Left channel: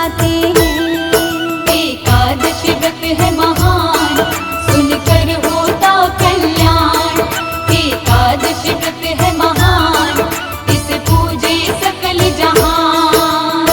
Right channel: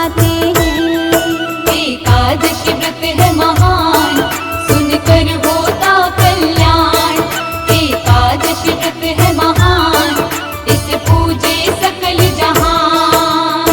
मनाते हैं। एकादशी व्रत है महान, सुनकर होता कल्याण। एकादशी व्रत है महान, इसे पूजे सकल जहान।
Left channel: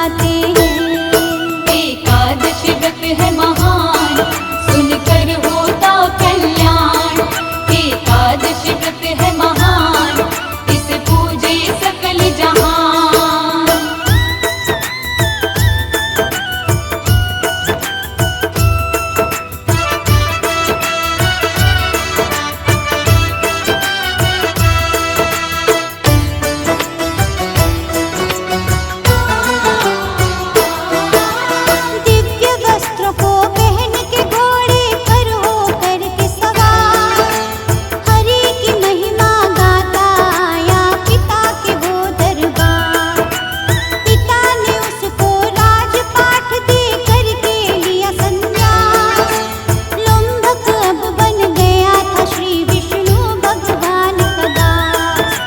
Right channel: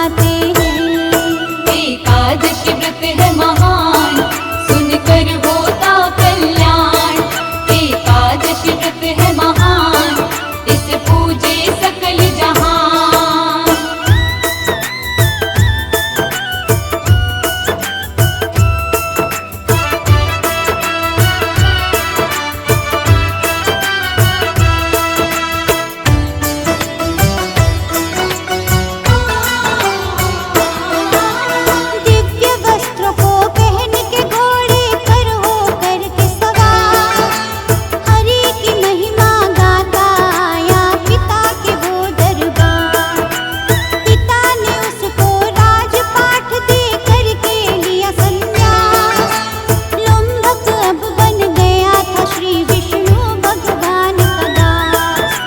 सुनाते हैं। एकादशी व्रत है महान, सुनकर होता कल्याण। एकादशी व्रत है महान, इसे पूजे सकल जहान। दिव्य वस्त्रों को पहन के घोड़े पर हो करके सवार, हरि की महिमा गाता आया पिता के वो दरबार। पिता ने उसको राजपाठ दे करके लिया संन्यास। लुम्भक अब बन गया था श्री विष्णु भगवान का दास।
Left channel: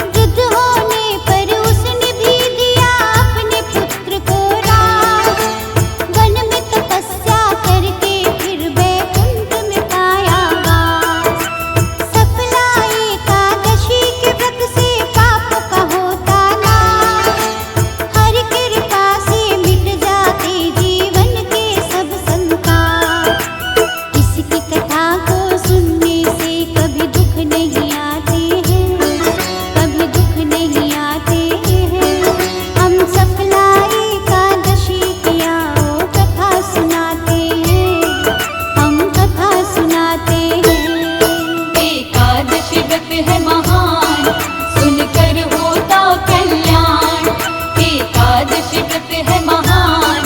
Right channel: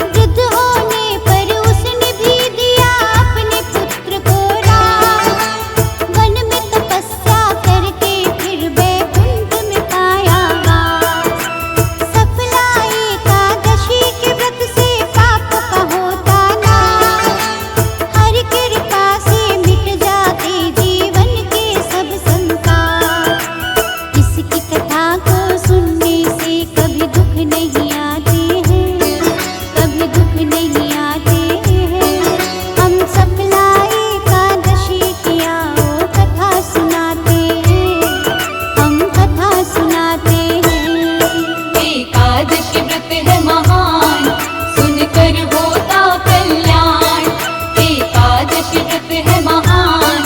वृद्ध होने पर उसने भी दिया अपने पुत्र को राज। वन में तपस्या करके फिर बैकुंठ में पाया वास। सफला एकादशी के व्रत से पापों का होता नाश। हरि कृपा से मिट जाते जीवन के सब संकट। इसकी कथा को सुनने से कभी दुख नहीं आते हैं, कभी दुख नहीं आते हैं। हम सफला एकादशी की आओ कथा सुनाते हैं, हम कथा सुनाते हैं। एकादशी व्रत है महान, सुनकर होता कल्याण। एकादशी व्रत है महान,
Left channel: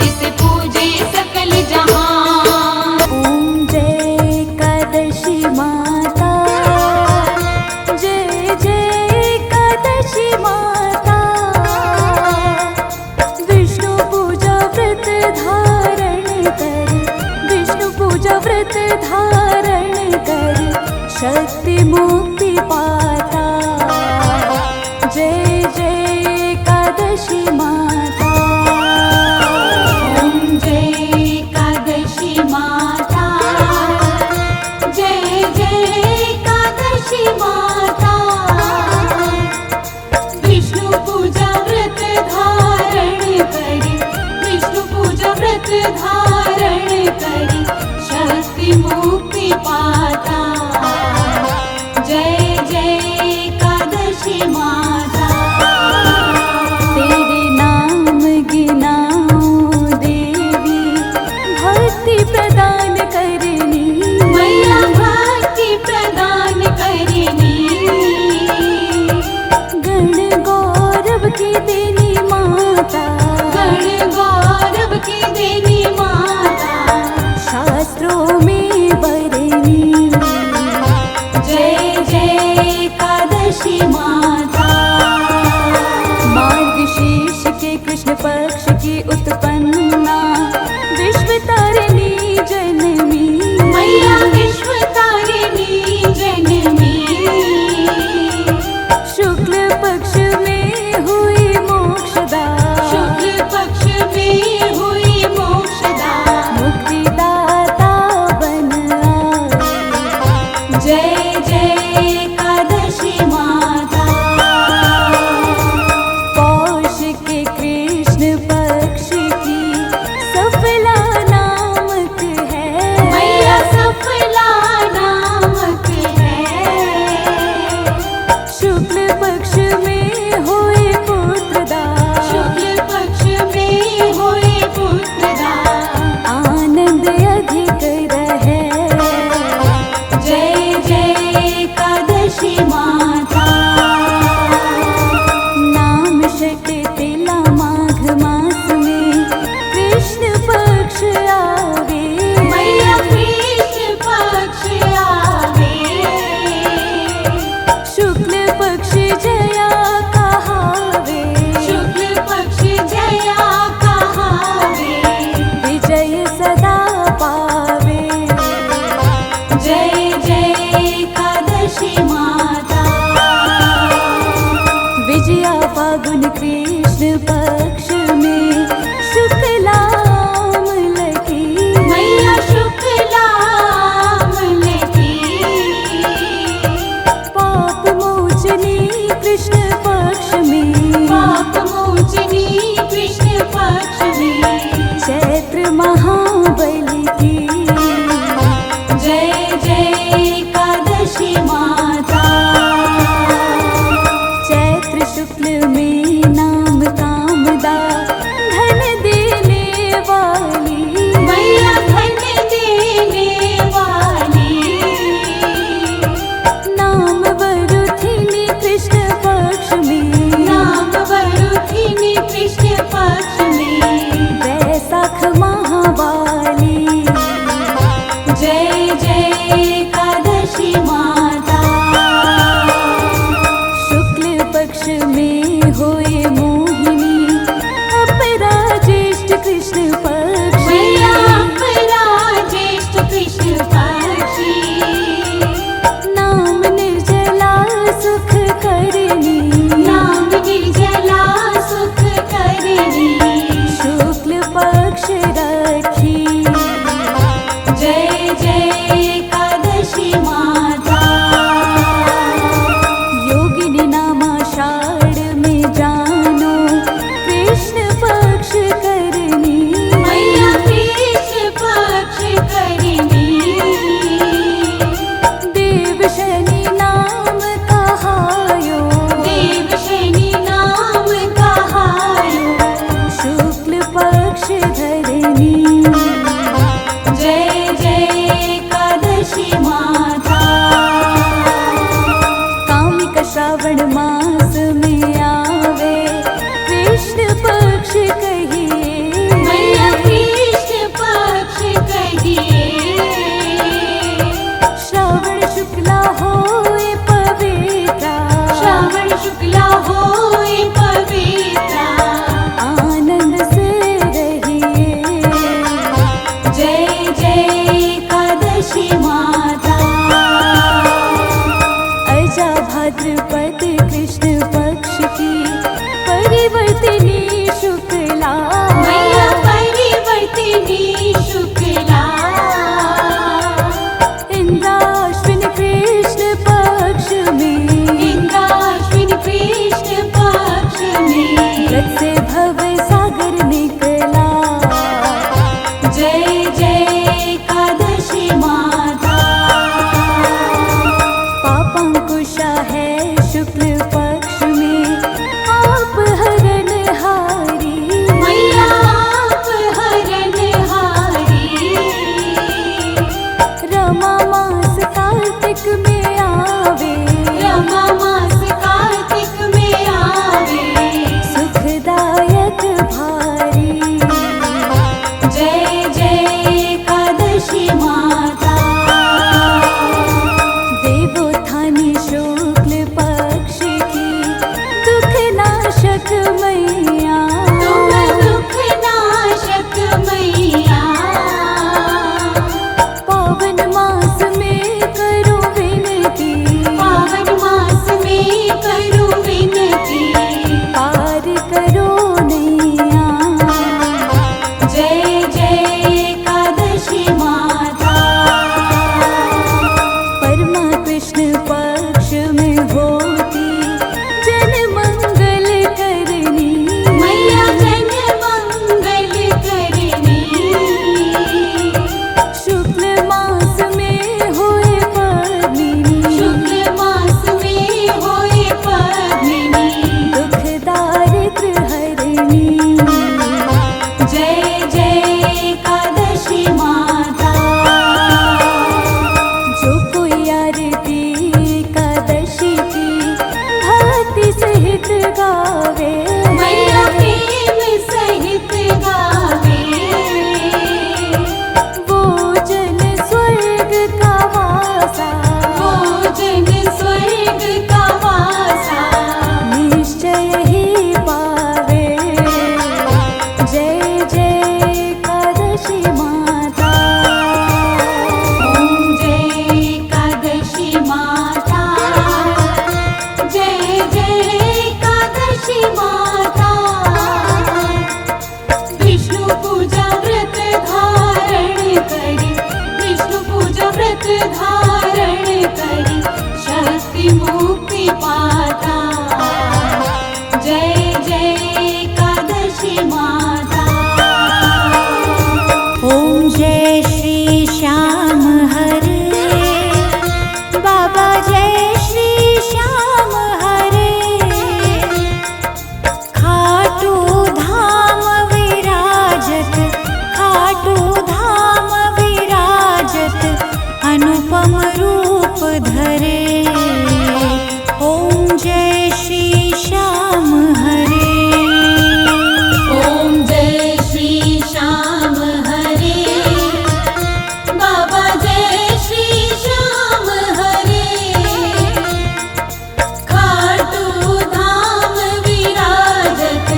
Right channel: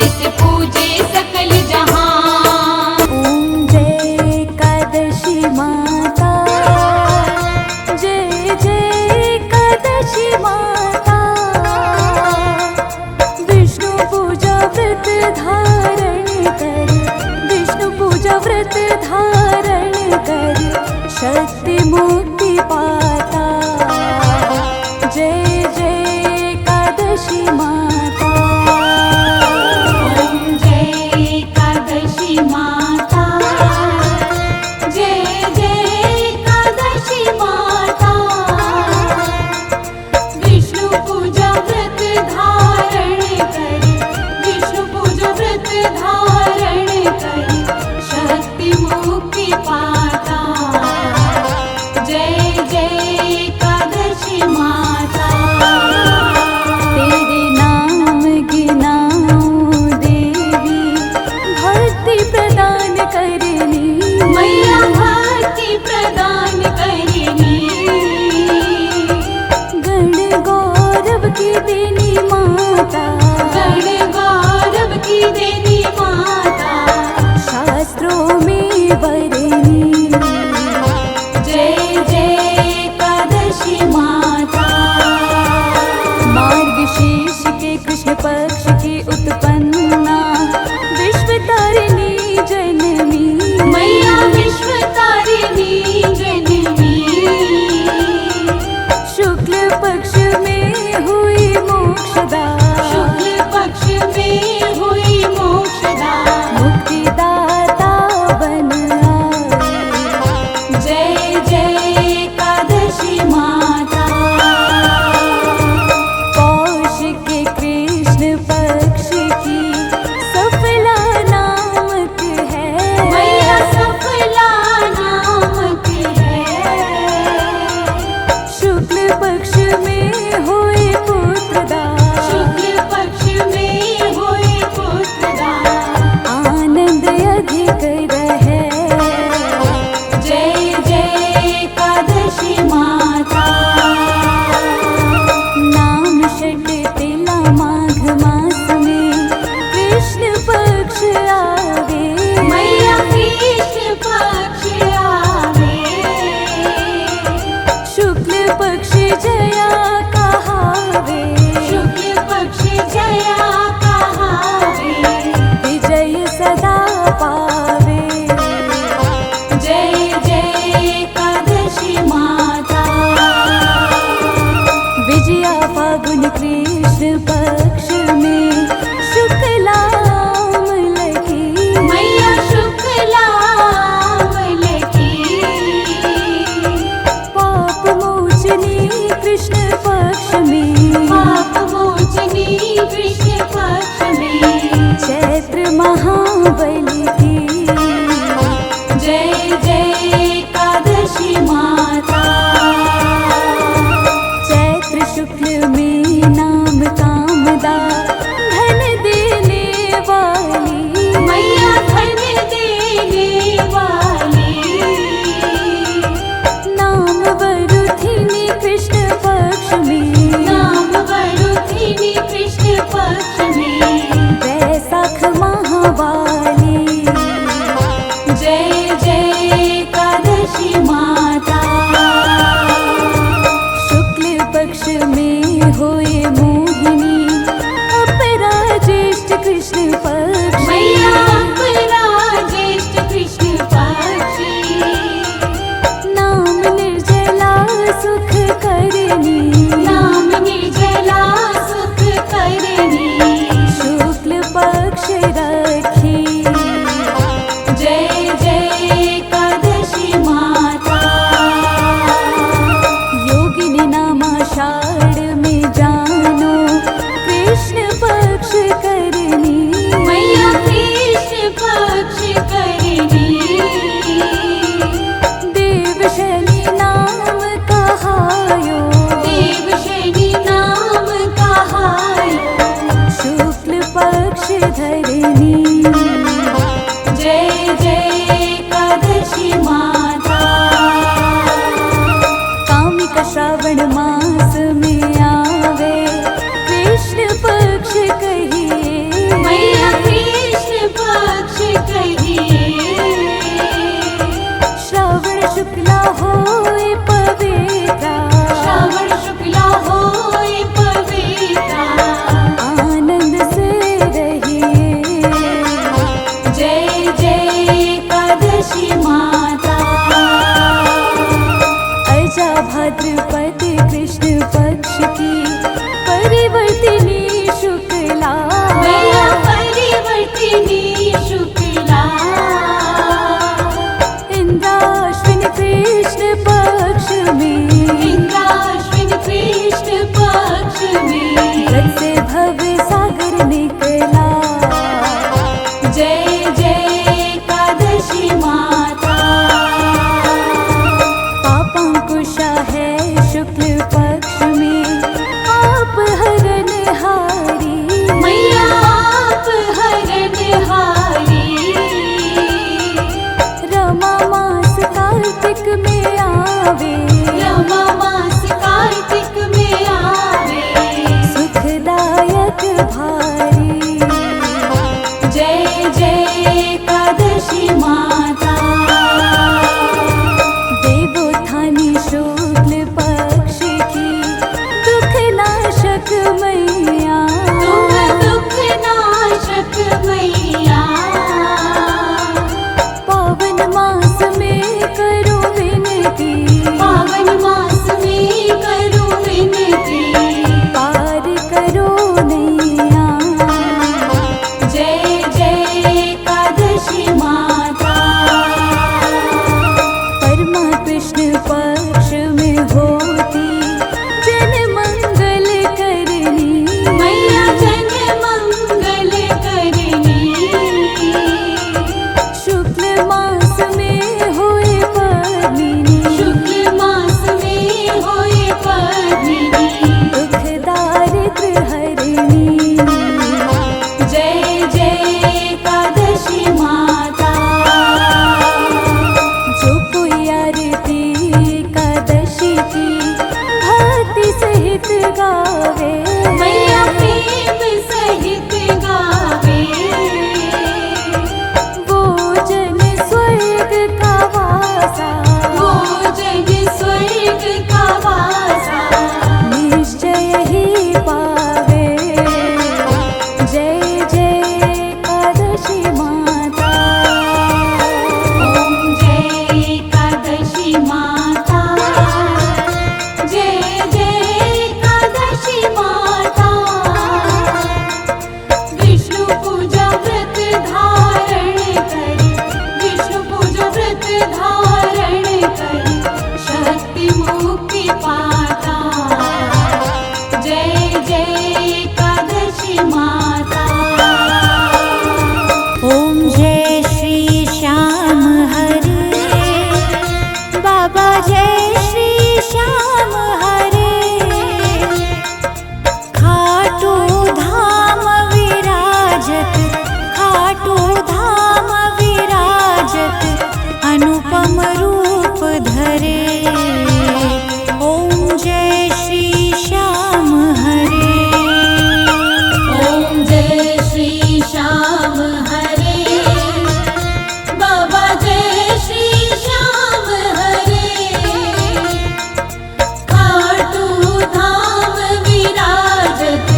इसे पूजे सकल जहान। ओम जय एकादशी माता, जय जय एकादशी माता। विष्णु पूजा व्रत धारण कर, विष्णु पूजा व्रत धारण कर, शक्ति मुक्ति पाता। जय जय एकादशी माता। जय एकादशी माता, जय जय एकादशी माता। विष्णु पूजा व्रत धारण कर, विष्णु पूजा व्रत धारण कर, शक्ति मुक्ति पाता। जय जय एकादशी माता। तेरे नाम गिनाऊं देवी, भक्ति प्रदान करनी। मैया भक्ति प्रदान करनी। गण गौरव की देनी माता, गण गौरव की देवी माता। शास्त्रों में बरनी। जय जय एकादशी माता। मार्गशीर्ष के कृष्ण पक्ष की उत्पन्ना, विश्व तारिणी जनमी। मैया विश्व तारिणी जननी। शुक्ल पक्ष में हुई मोक्षदा, शुक्ल पक्ष में हुई मोक्षदा। मुक्तिदाता बन आई। जय जय एकादशी माता। पौष के कृष्ण पक्ष की सफला नामक है। मैया सफला नामक है। शुक्ल पक्ष में हुए पुत्रदा, शुक्ल पक्ष में हुए पुत्रदा। आनंद अधिक रहे। जय जय एकादशी माता। नाम षट तिला माघ मास में कृष्ण पक्ष आवे। मैया कृष्ण पक्ष आवे। शुक्ल पक्ष जया कहावे। शुक्ल पक्ष जया कहावे। विजय सदा पावे। जय जय एकादशी माता। विजया फागुन कृष्ण पक्ष में शुक्लाम लगी। मैया शुक्ला लगी। पाप मोचनी कृष्ण पक्ष में। पाप मोचनी कृष्ण महाबली की। जय जय एकादशी माता। चैत्र शुक्ल में नाम कामदा धन देने वाली, मैया धन देने वाली। नाम वरुथिनी कृष्ण पक्ष में, नाम वरुथिनी कृष्ण पक्ष में। वैशाख महावाली। जय जय एकादशी माता। शुक्ल पक्ष में होए मोहिनी, अपरा ज्येष्ठ कृष्ण पक्ष। मैया अपरा ज्येष्ठ कृष्ण पक्षी। नाम निर्जला सुख करनी, नाम निर्जला सुख करनी। शुक्ल पक्ष रखी। जय जय एकादशी माता। योगिनी नाम आषाढ़ में जानो, कृष्ण पक्ष करनी। मैया कृष्ण पक्ष करनी। देव शनि नाम कहायो, देव शनि नाम कहायो। शुक्ल पक्ष धरनी। जय जय एकादशी माता। कामिक श्रावण मास में आवे, कृष्ण पक्ष कहिए। मैया कृष्ण पक्ष कहिए। श्रावण शुक्ला होए पवित्रा, श्रावण शुक्ला होए पवित्रा। आनंद से रहिए। जय जय एकादशी माता। अजा भाद्रपद कृष्ण पक्ष की परिवर्तिनी शुक्ला। मैया परिवर्तिनी शुक्ला। इंद्राश्विन कृष्ण पक्ष में, इंद्राश्विन कृष्ण पक्ष में। व्रत से भव सागर निकला। जय जय एकादशी माता। पापांकुशा है शुक्ल पक्ष में, आप हरणहारी। मैया आप हरणहारी। रमा मास कार्तिक में आवे, रमा मास कार्तिक में आवे। सुखदा खाटू धाम विराजत अनुपम रूप धरे। ओम जय श्री श्याम हरे। ओम जय श्री श्याम हरे। बाबा जय श्री श्याम हरे। खाटू धाम विराजत,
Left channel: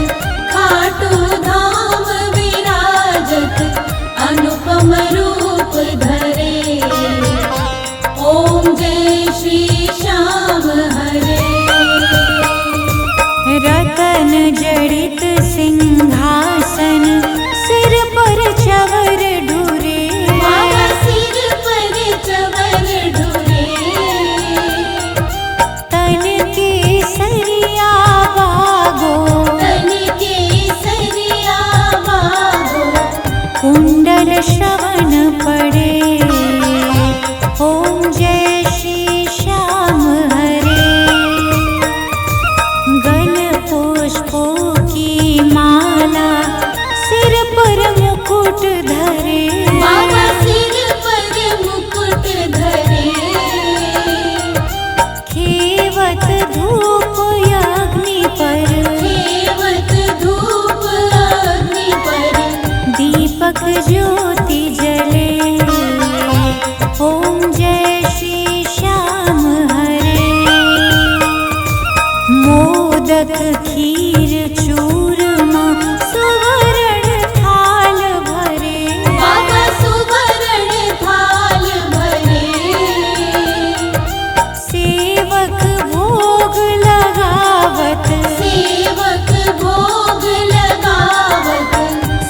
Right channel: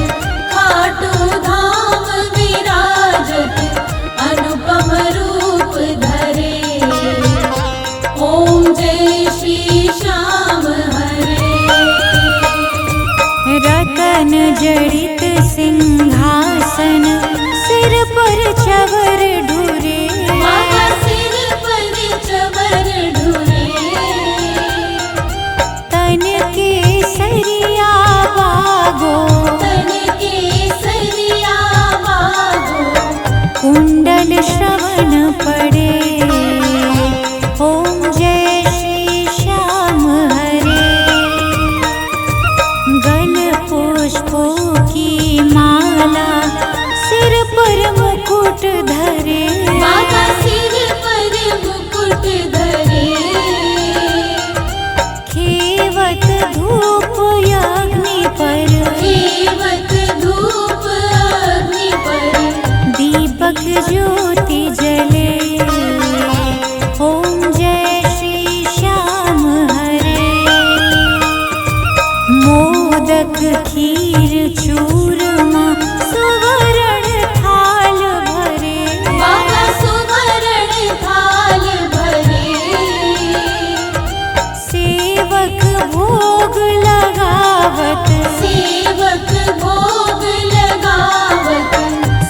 खाटू धाम विराजत अनुपम रूप धरे। ओम जय श्री श्याम हरे। रतन जड़ित सिंहासन सिर पर चवर ढूरे। बाबा सिर पर चवर ढूरे। तन के सरिया बागो, तन के सरिया बागो। कुंडल श्रवण पड़े। ओम जय श्री श्याम हरे। गल पुष्पों की माला सिर पर मुकुट धरे। बाबा सिर पर मुकुट धरे। खेवत धूप अग्नि पर, सेवक धूप अग्नि पर। दीपक ज्योति जले। ओम जय श्री श्याम हरे। मोदक खीर चूरमा सुवर्ण थाल भरे। बाबा सुवर्ण थाल भरे। सेवक भोग लगावत, सेवक भोग लगावत।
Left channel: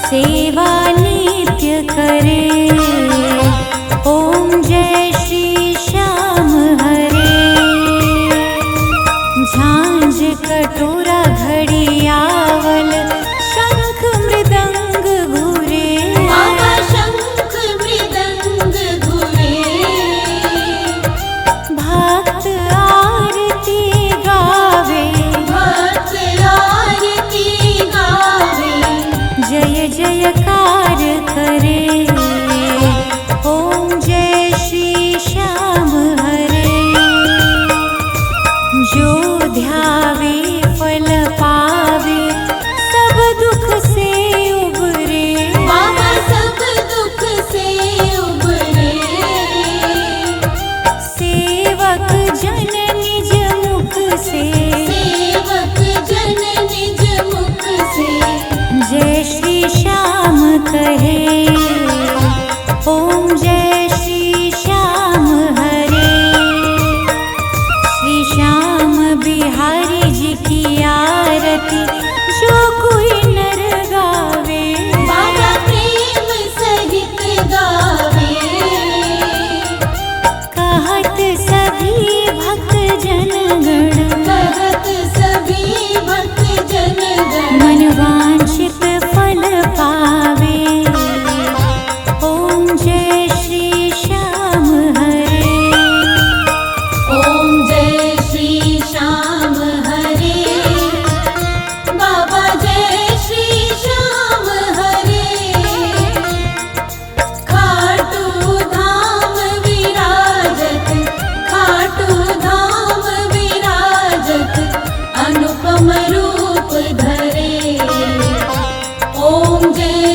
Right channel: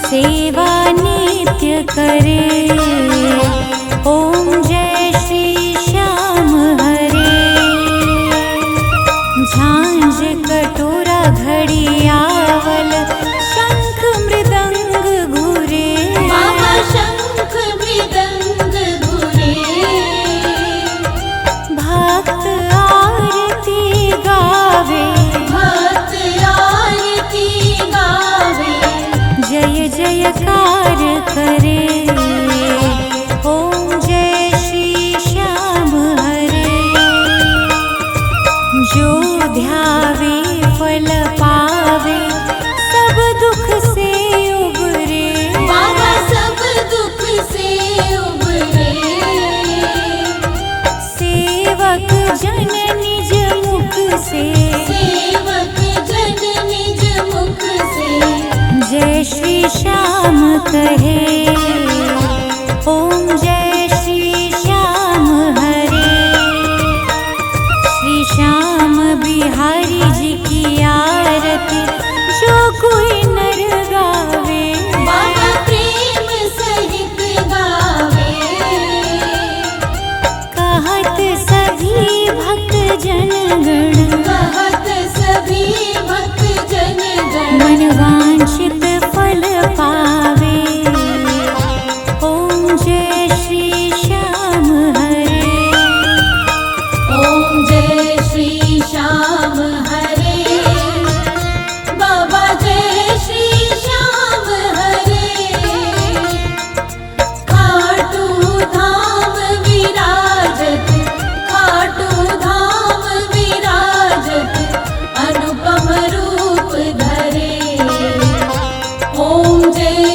सेवा नित्य करे। ओम जय श्री श्याम हरे। झांझ कटोरा घड़ियावल शंख मृदंग घुरे। बाबा शंख मृदंग घुरे। भक्त आरती गावे, भक्त आरती गावे। जय जयकार करे। ओम जय श्री श्याम हरे। जो ध्यावे फल पावे, सब दुख से उबरे। बाबा सब दुख से उबरे। सेवक जन निज मुख से, सेवक जन निज मुख से। जय श्री श्याम कहे। ओम जय श्री श्याम हरे। श्री श्याम बिहारी जी की आरती जो कोई नर गावे। बाबा प्रेम सहित गावे। कहत सभी भक्त जनगण, कहत सभी भक्त जनगण। मन वांछित फल पावे। ओम जय श्री श्याम हरे। ओम जय श्री श्याम हरे। बाबा जय श्री श्याम हरे। खाटू धाम विराजत, खाटू धाम विराजत अनुपम रूप धरे। ओम जय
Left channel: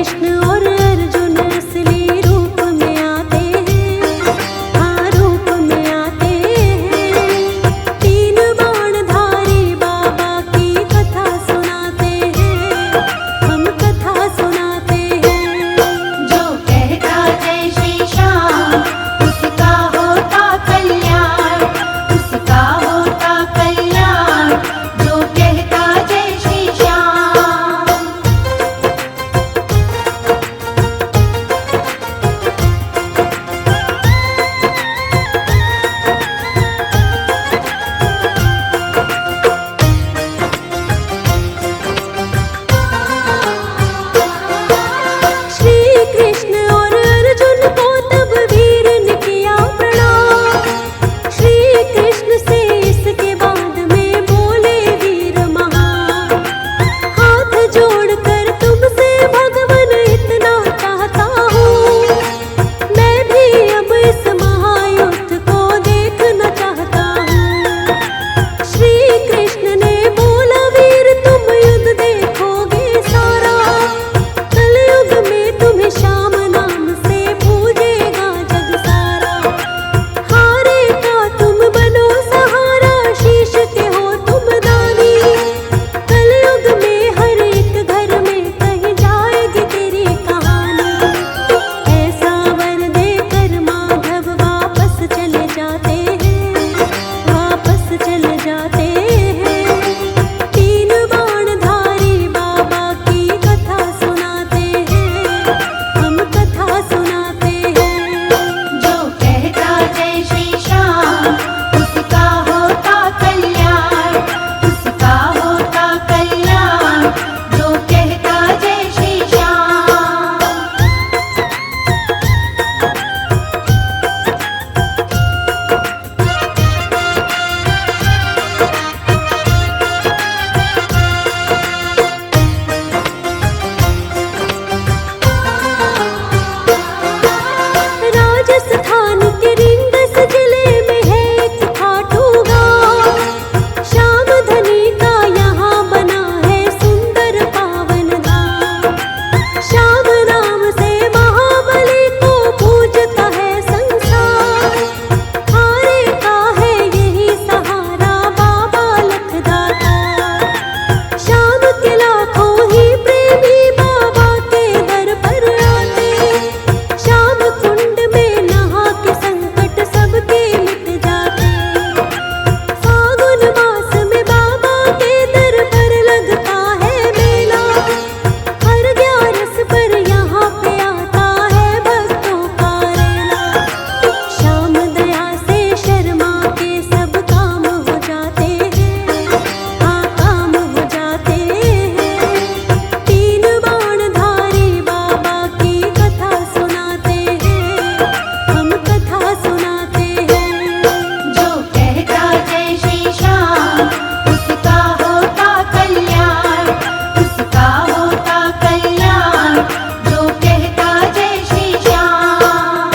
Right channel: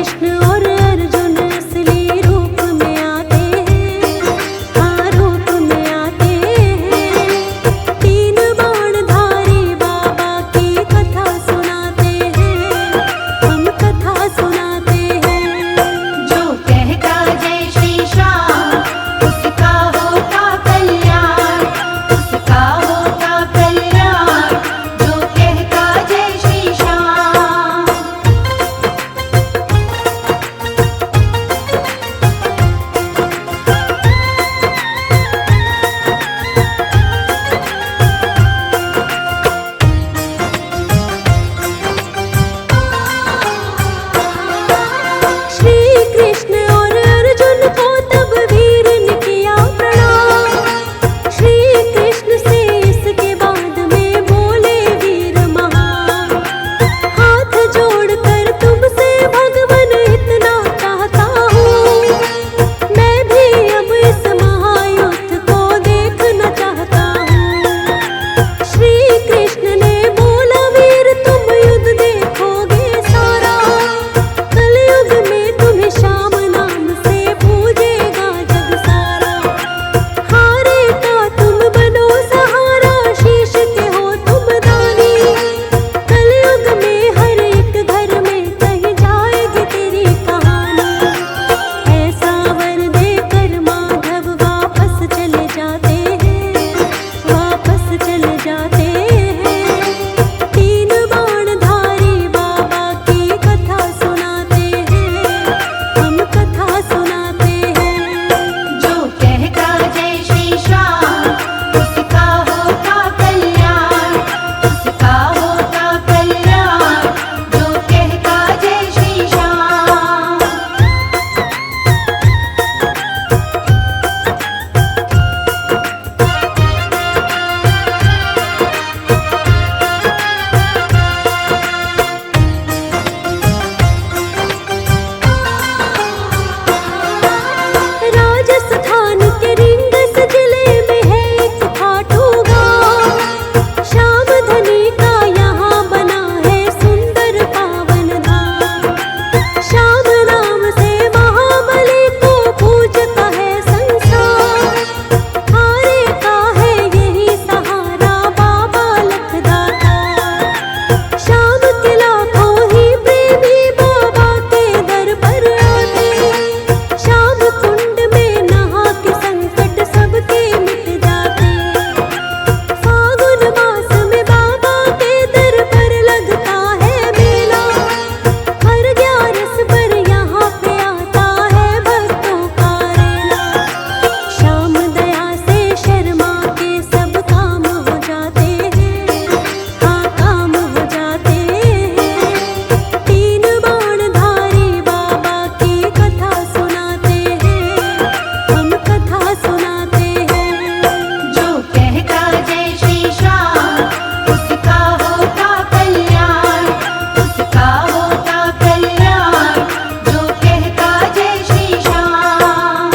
कृष्ण